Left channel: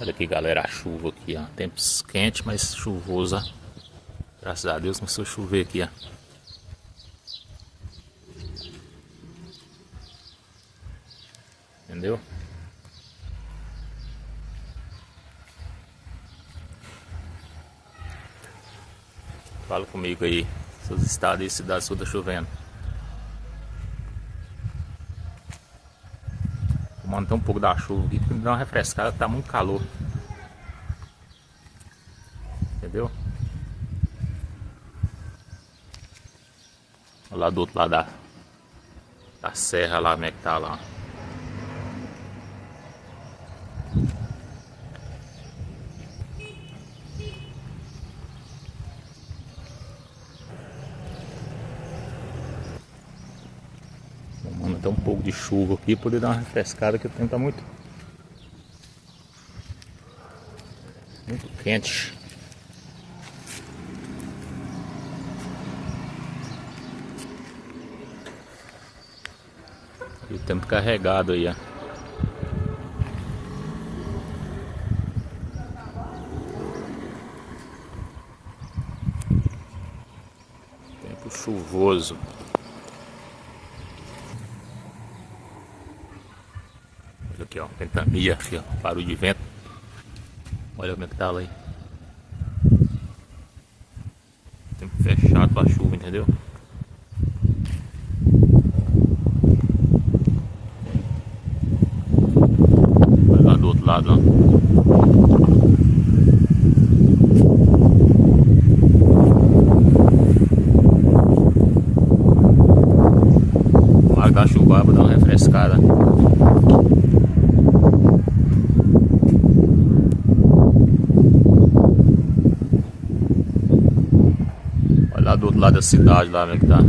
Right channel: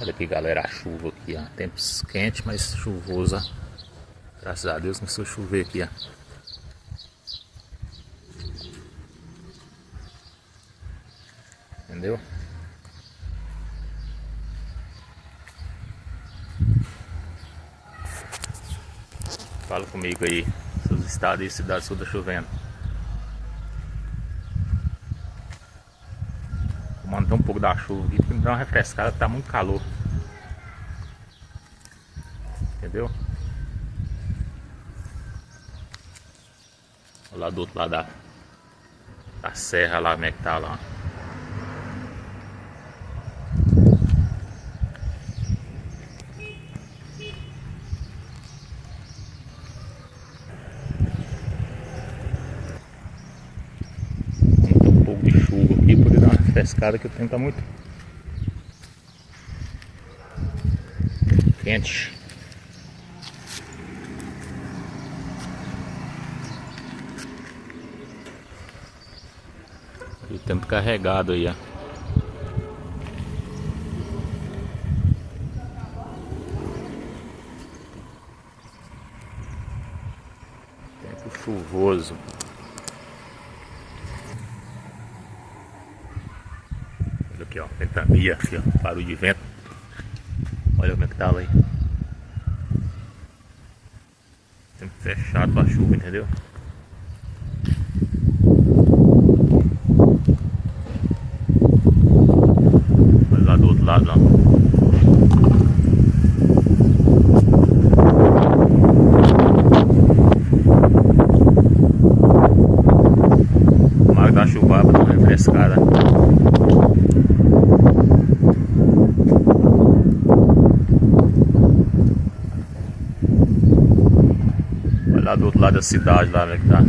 Olha aqui, galera, a chuva aqui, ó. Tempos quentes, mas chuvosa. Graças a Deus começou a chover aqui, ó. Entendeu? Fala comigo aí, seus estados e cidades todas chovendo. Vou manter um pouco da chuva aqui, porque me dá uma refrescada, tá muito calor. Entendeu? Lá do outro lado da serra lá, como é que tá lá. Vamos ter um pouco de chuva aqui, poder dar uma refrescada, que o tempo tá muito quente. E o tempo carregado aí, ó. Tempo chuvoso. Olha aqui, ó, ventania, aqui, ó, barulho de vento. Olha como é que tá lá aí. Tempo fechado pra chuva, entendeu? Olha lá do outro lado, ó. Tomara que dá chuva pra dar uma refrescada. Olha lá do outro lado da cidade, lá como é que tá.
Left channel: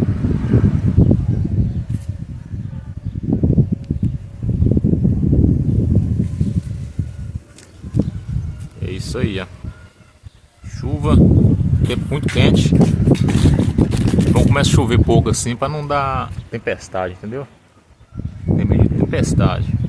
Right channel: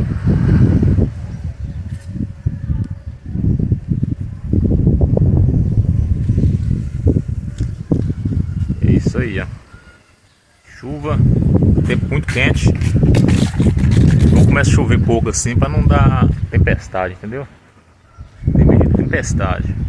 É isso aí, ó. Chuva, tempo muito quente. Então começa a chover pouco assim pra não dar tempestade, entendeu? Tem medo de tempestade.